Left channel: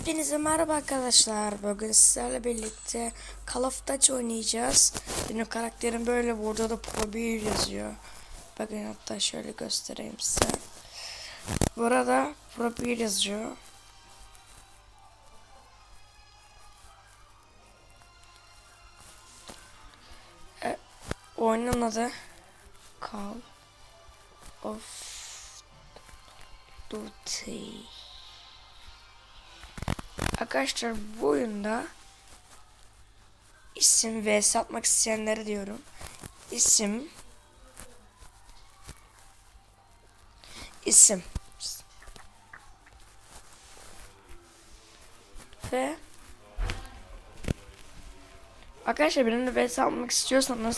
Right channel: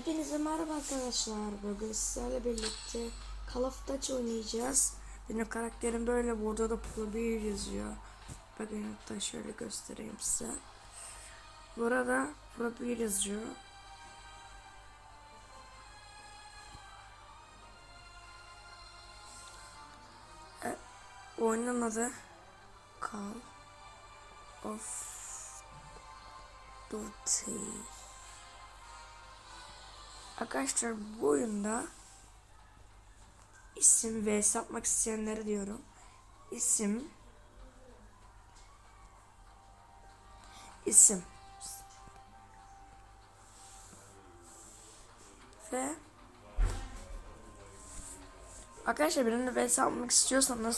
Hepinize merhaba arkadaşlar. Bugün sizlerle birlikte Call of Duty oynayacağız. Benim karakterim böyle. Burada da Pro 1 yazıyor. Bakın hatta şöyle göstereyim size. Burada Pro 1 yazıyor. E, oyunun adı Call of Duty. Arkadaşlar bu oyunda isim ve satmak isteyenlere diyorum. İsim isim ve Arkadaşlar benimle vs atmak istiyorsanız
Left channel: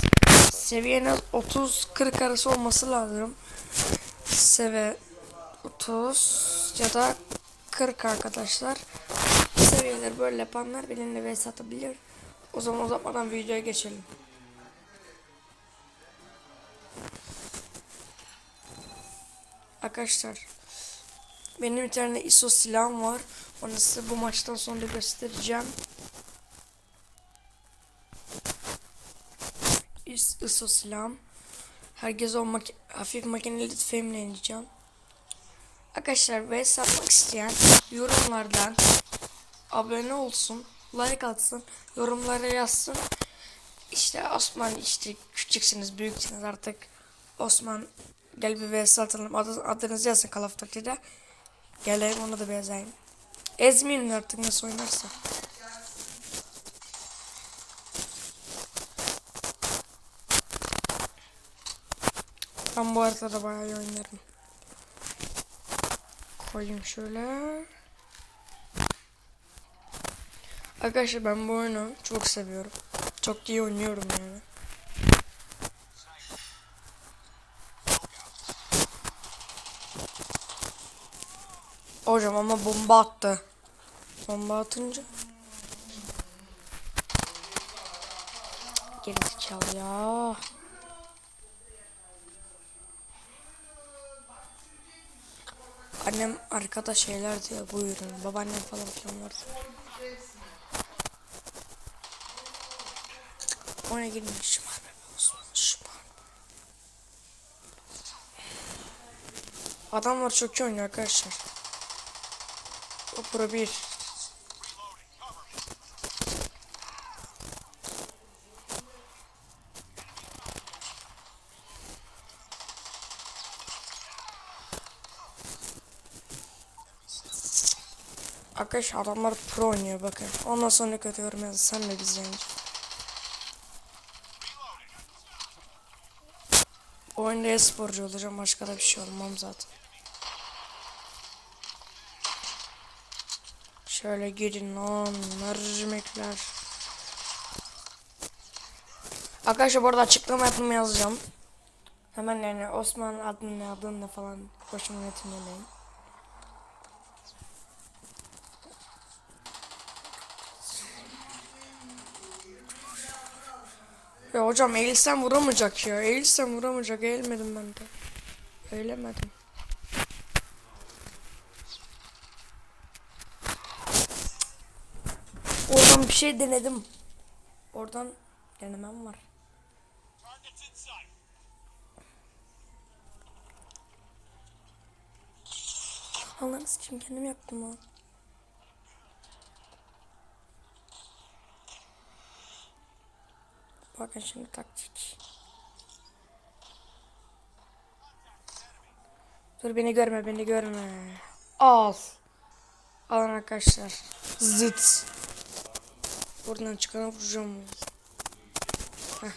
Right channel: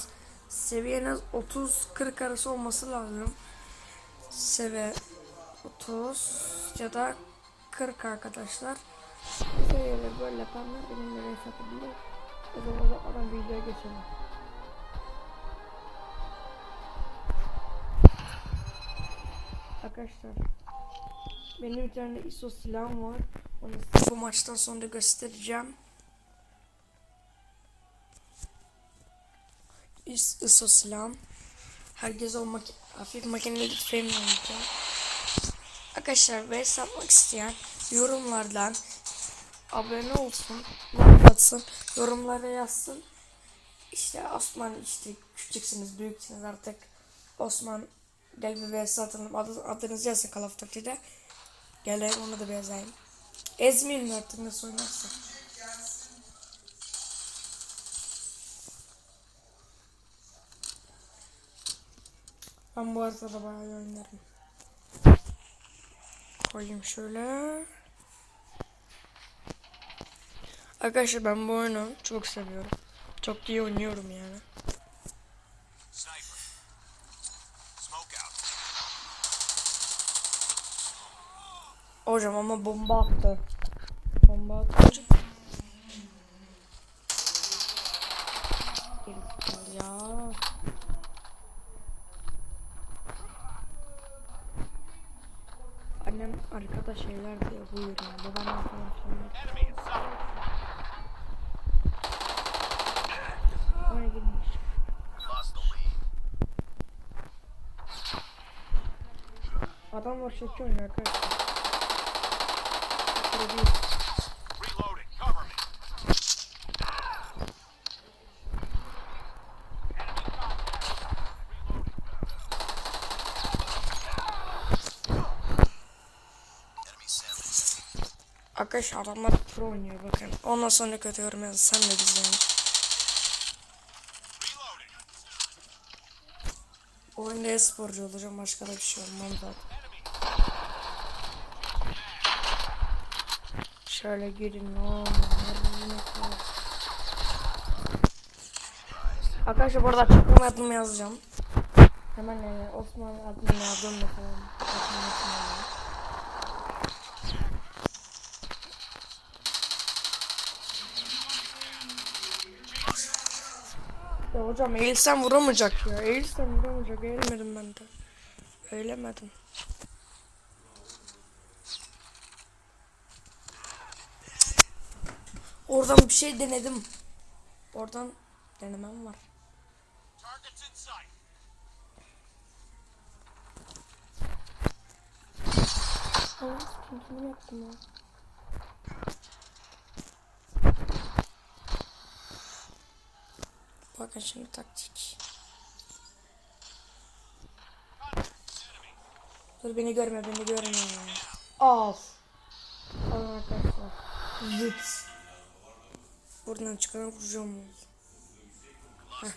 seviyeniz 30-40 arası olması lazım. Seviye 30 ya da 40 arkadaşlar. Seviyeleri böyle yapanlar benimle vs atabilir. O zaman uzatmadan videoya geçelim. Arkadaşlar benim bir tane ISO silahım var. Onu size bu maçtan sonra göstereceğim. Is- ISO silahım. Herkes o maki- hafif makineli tüfeğimle oynayacağım. Arkadaşlar ve satmak isteyen yorumlardan abone olsun, like atsın, yorumlara yazsın. İşte Osman işte küçüksünüz, büyüksünüz artık. Osman gel bir vs atalım. Adı, adınızı yazın Call of Duty'de. Gelelim onu da bir yazayım. Artık nasıl oynarsa. Ben bu haritada bayağı iyi oynarım. Koyayım şöyle. Arkadaşlar ben bu oyunu çok seviyorum. Çok iyi oynuyorum yani. Hocam ama bomba attı. Bomba atınca. Gerizekalı ya. Annem arkada şeyler diyor buyurun. Babaannem falan kullanıyor. Oraya girmişim abi. Adamlar çok iyi oynuyor arkadaşlar. Bu Pro 1. Arkadaşlar adamlar pro oynuyor bakın. Ondan sonra kötü yorum yazın. Sen de izleyin. Oyunda e-sporcu olacağım. Başka da bir şey olmam zaten. Şöyle girin lan. Mercimekler. Arkadaşlar bu arada açıklama yapımı yazacağım. Hemen yani Osman ne adını falan. Kaçın unutmayın. Ya hocam eğilsem vuramayacak ya. Eğilsem vuramayacak. Eğilmedim ben de. Eğilemedim. Oradan bir şey denedim. Oradan denemem var. Allah'ım sıçayım kendim yaptım lan. Bakın şimdi taktik. Dur beni görme beni görme. Al. Alın arkadaşlar. Zit. Buradan çıkan vuracağım. Heh.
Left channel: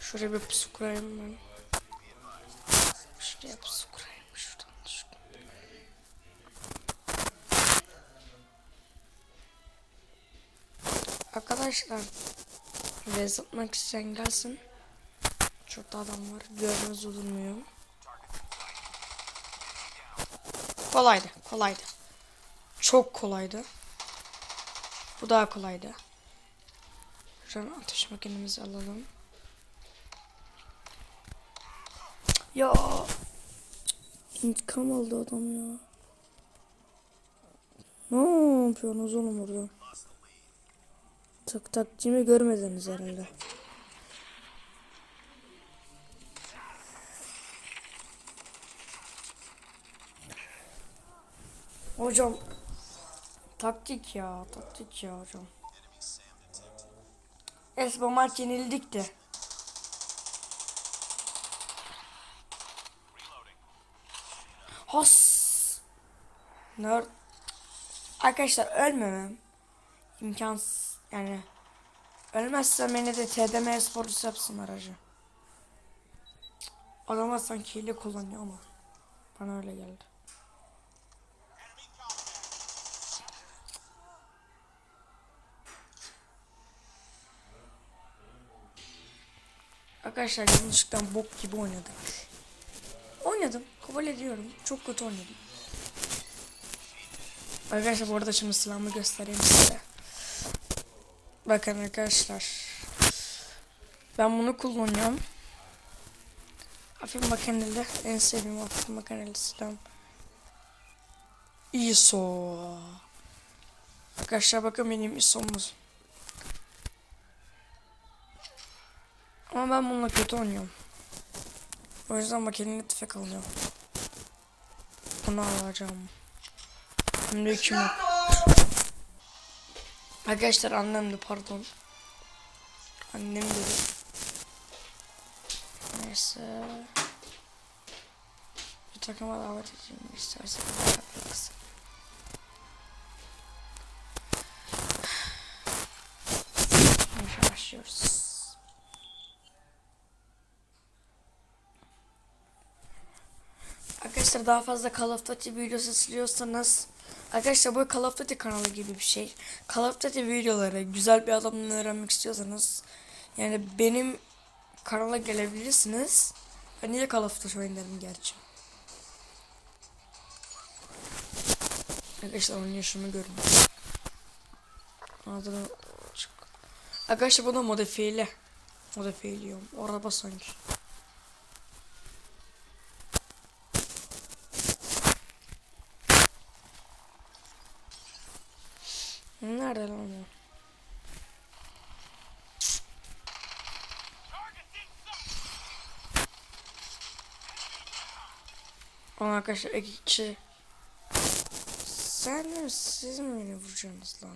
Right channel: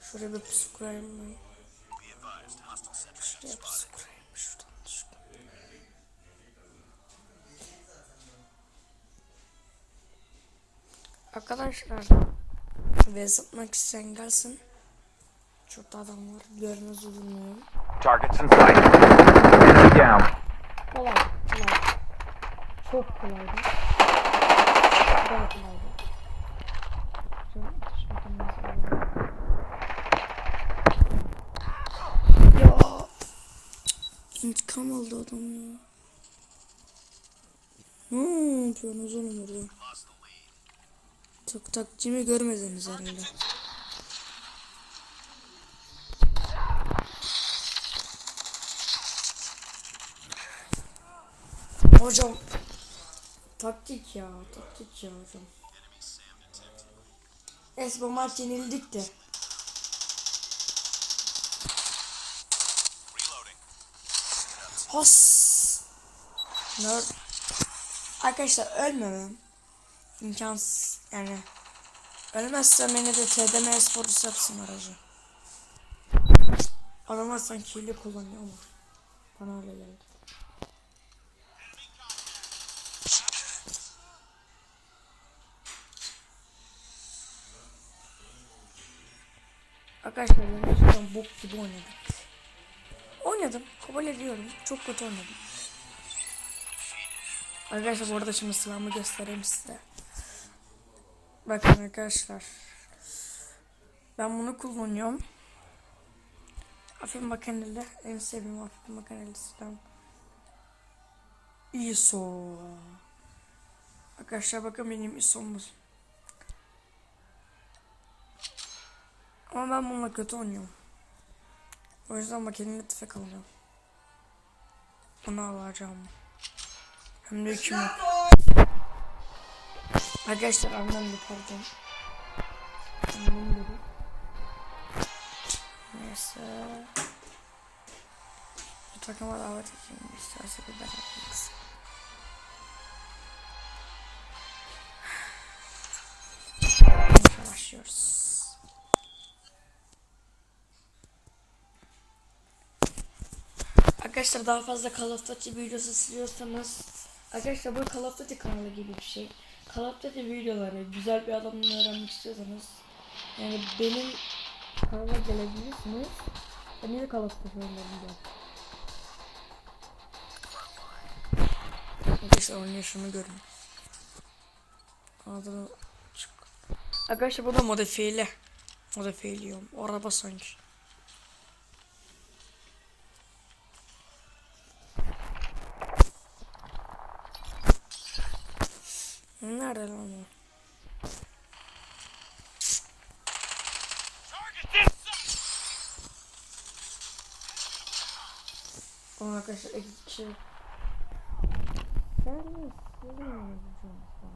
Şuraya bir pusu kurayım ben. Şuraya pusu Arkadaşlar ve zıpmak isteyen gelsin. Şurada adam var. Görmez olmuyorum. Targets in sight. Enemy down. Kolaydı. Kolaydı. Çok kolaydı. Bu daha kolaydı. An ateş makinemizi alalım. Ya. İntikam aldı adam ya. Ne yapıyorsunuz oğlum orada? Tak taktiğimi görmediniz herhalde. Hocam taktik ya taktik ya hocam. Es bu maç yenildik de. Has. Nerd. Arkadaşlar ölmemem. imkansız yani. Ölmezsem beni de TDM sporcusu yapsın aracı. Adamlar sanki hile kullanıyor ama. Bana öyle geldi. Arkadaşlar gerçekten bok gibi oynadım. Oynadım. Kabul ediyorum. Çok kötü oynadım. Arkadaşlar bu arada şimdi silahımı göstereyim size. Bakın arkadaşlar. Ben bunu kullanıyorum. Hafif makineli en sevdiğim hafif makineli silahım. ISO. Arkadaşlar bakın benim ISO'muz. Ama ben bununla kötü oynuyorum. O yüzden makineli tüfek alacağım. Bunu alacağım. Şimdi kim yok. Arkadaşlar annem de pardon. Annem dedi. Neyse. Bu takıma davet edeyim. Neyse başlıyoruz. Arkadaşlar daha fazla Call of Duty videosu siliyorsanız Arkadaşlar bu Call of Duty kanalı gibi bir şey. Call of Duty videoları güzel bir adamdan öğrenmek istiyorsanız yani benim kanala gelebilirsiniz. Ben niye Call of Duty oyunlarını gerçi. Arkadaşlar oynayın şunu görün. Adını çık. Arkadaşlar bu da modifiyeli. Modifiyeliyorum. O araba sanki. Nerede lan o? Ama arkadaşlar iki kişi Sen mi siz mi beni vuracaksınız lan?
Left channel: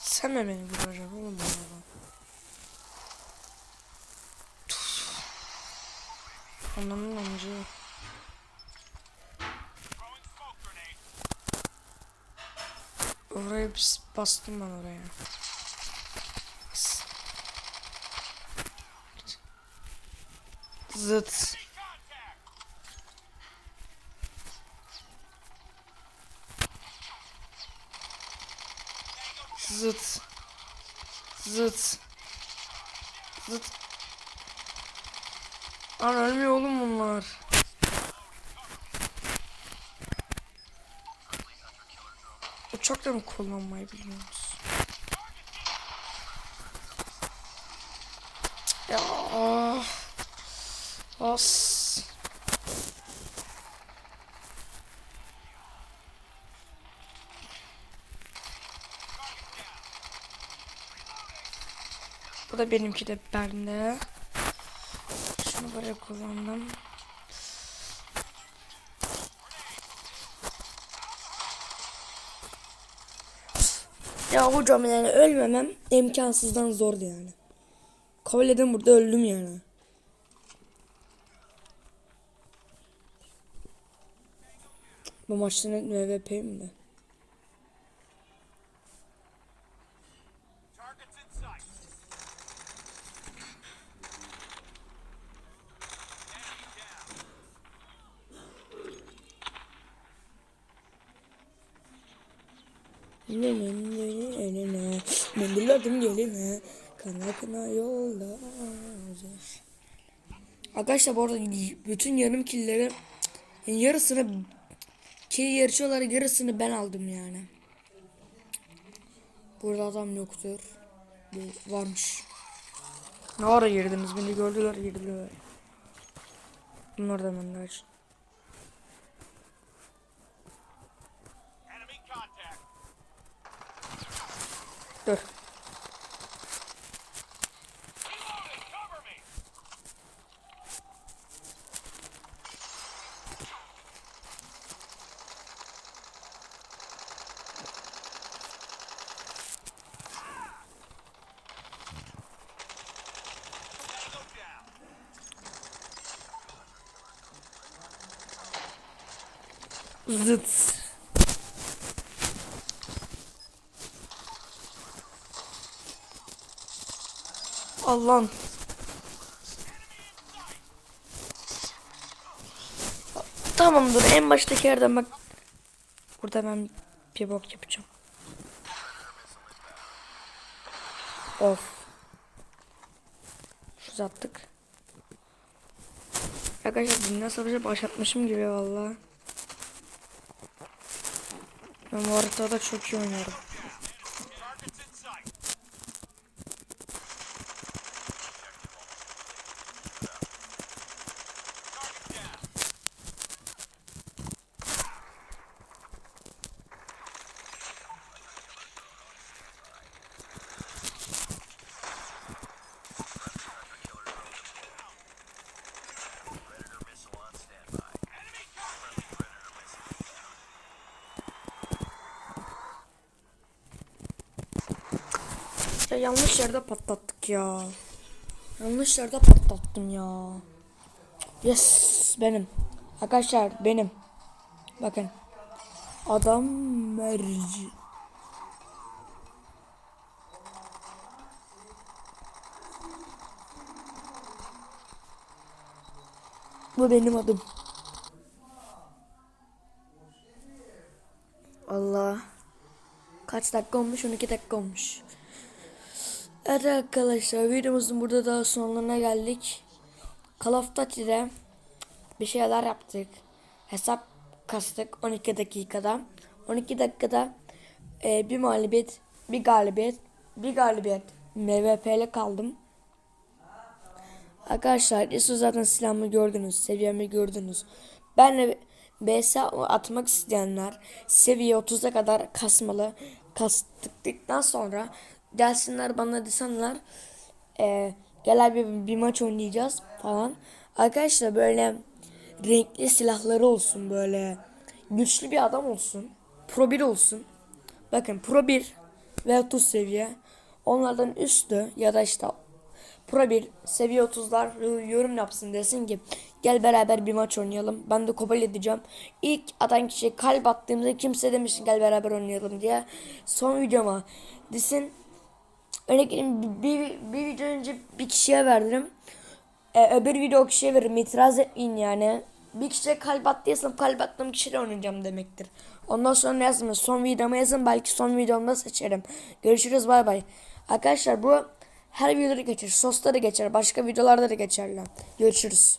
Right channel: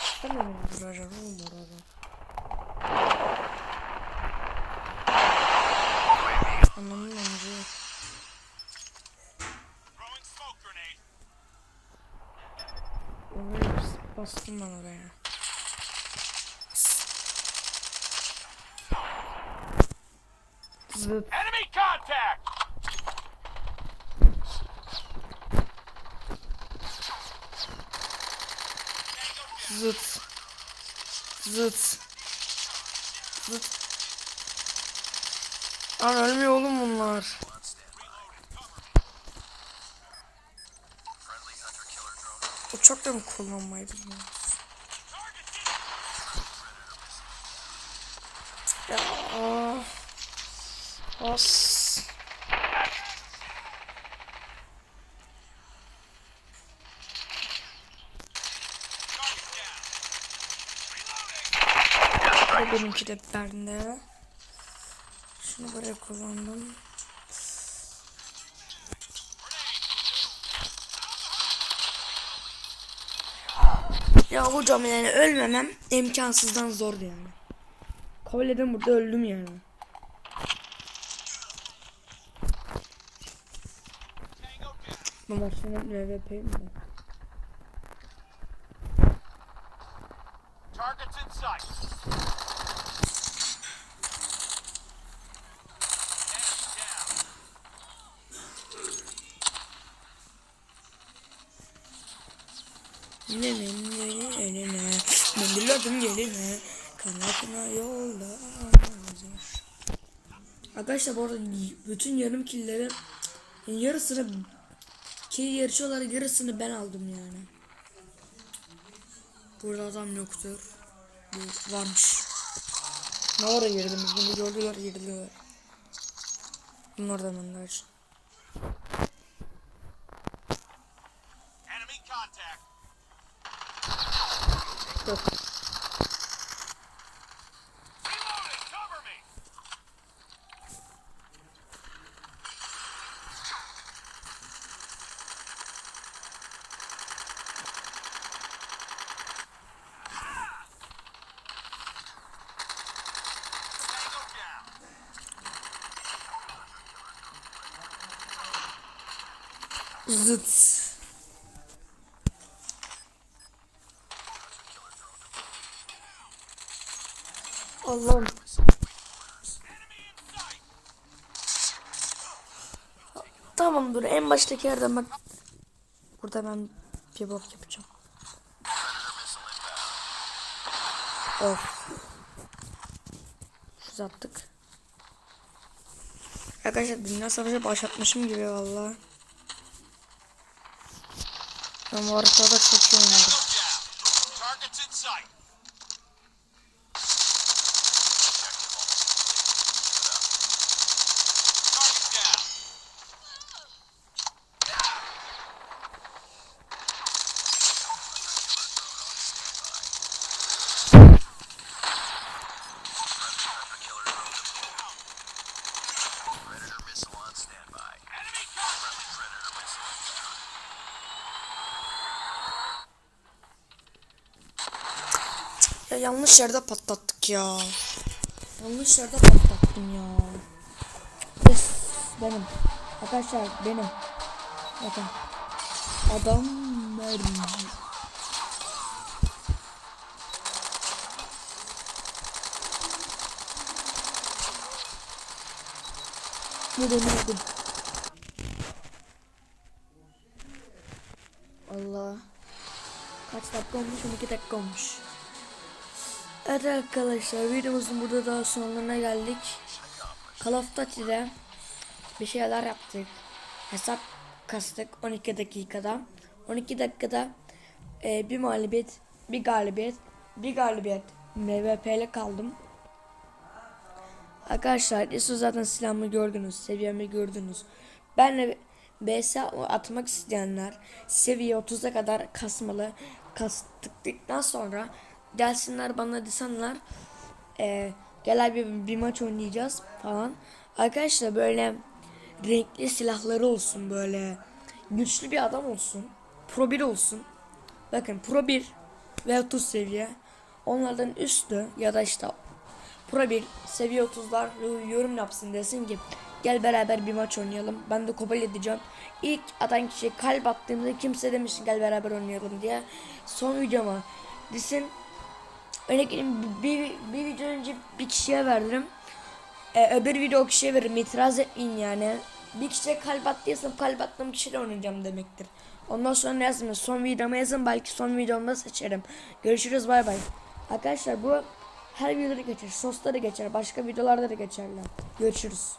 Sen mi beni vuracaksın oğlum bana? Anlamın amcı. Oraya bas- bastım ben oraya. Zıt. Zıt. Zıt. Zıt. Lan ölmüyor oğlum bunlar. Uçakla mı kullanmayı biliyoruz? Ya. As. De benimki de bende. Şunu böyle kullandım. Ya hocam yani ölmemem imkansızdan zordu yani. Kabul edin burada öldüm yani. Bu maçın MVP mi? Ne ne Mendilledim geline Kana kana yolda Arkadaşlar bu arada bütün yarım killeri yani yarısını ki yarışıyorlar yarısını ben aldım yani. Burada adam yoktur. Bu varmış. Ne ara girdiniz beni gördüler girdiler. Bunun orada bandaj. Enemy Zıt. Allah'ım. Tamam dur en baştaki yerden bak. Burada ben bir bok yapacağım. Of. Uzattık. Arkadaşlar dünya savaşı başlatmışım gibi vallahi. Ben bu haritada çok iyi oynuyorum. Yanlış yerde patlattık ya. Yanlış yerde patlattım ya. Yes benim. Arkadaşlar benim. Bakın. Adam merci. Bu benim adım. Allah. Kaç dakika olmuş? 12 dakika olmuş. Evet arkadaşlar videomuzun burada daha sonlarına geldik. Call of Duty'de bir şeyler yaptık. Hesap kastık 12 dakikada. 12 dakikada e, bir mağlubiyet, bir galibiyet, bir galibiyet MVP'le kaldım. Arkadaşlar Yusuf zaten silahımı gördünüz, seviyemi gördünüz. Benle BS atmak isteyenler seviye 30'a kadar kasmalı. Kastıktan sonra gelsinler bana desenler e, gel abi bir maç oynayacağız falan. Arkadaşlar böyle renkli silahları olsun böyle güçlü bir adam olsun. Pro 1 olsun. Bakın Pro 1 ve 30 seviye. Onlardan üstü ya da işte Pro 1 seviye 30'lar yorum yapsın desin ki gel beraber bir maç oynayalım. Ben de kabul edeceğim. İlk atan kişi kalp attığımda kimse demiş gel beraber oynayalım diye. Son videoma desin. Vereyim, bir, bir video önce bir kişiye verdim. Ee, öbür video o kişiye veririm. İtiraz etmeyin yani. Bir kişiye kalp attıysam kalp attığım kişiyle oynayacağım demektir. Ondan sonra yazmıyor. Son videoma yazın. Belki son videomda seçerim. Görüşürüz. Bay bay. Arkadaşlar bu her videoda geçer. Sosta da geçer. Başka videolarda da geçerler. Görüşürüz.